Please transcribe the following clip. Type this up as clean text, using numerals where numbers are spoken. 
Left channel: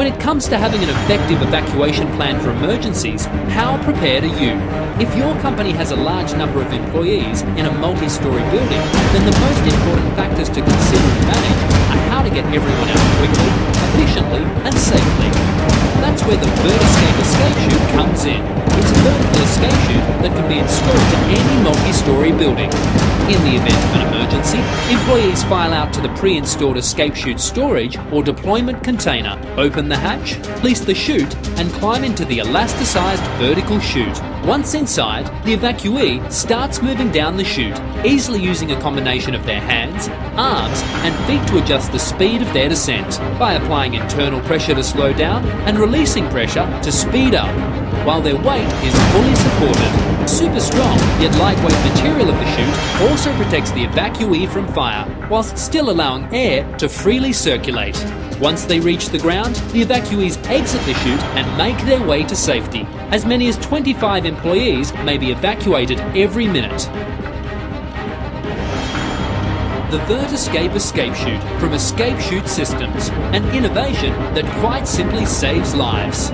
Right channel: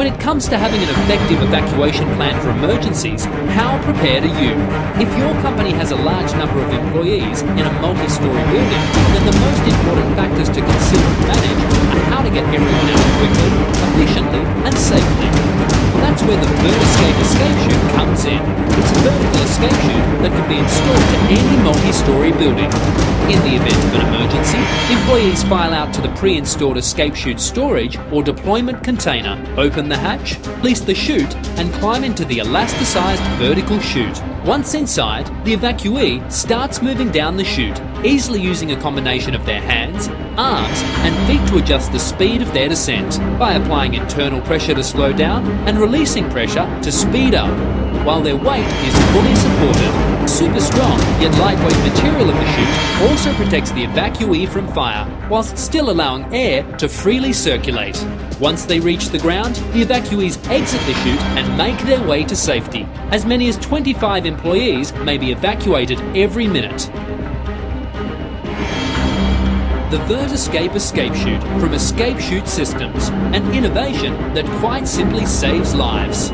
When it comes to having an effective evacuation plan for emergencies, how prepared are you? If your company has a large number of employees in a multi-storey building, then the most important factors to consider and manage are how to get everyone out quickly, efficiently and safely. That's where the VertiScape escape chute comes in. It's a vertical escape chute that can be installed to any multi-storey building. In the event of an emergency, employees file out to the pre-installed escape chute storage or deployment container, open the hatch, release the chute and climb into the elasticized vertical chute. Once inside, the evacuee starts moving down the chute, easily using a combination of their hands, arms and feet to adjust the speed of their descent, by applying internal pressure to slow down and releasing pressure to speed up, while their weight is fully supported. Super strong yet lightweight material of the chute also protects the evacuee from fire, whilst still allowing air to freely circulate. Once they reach the ground, the evacuees exit the chute and make their way to safety. As many as 25 employees may be evacuated every minute. The VertiScape escape chute from Escape Chute Systems, an innovation that quite simply saves lives.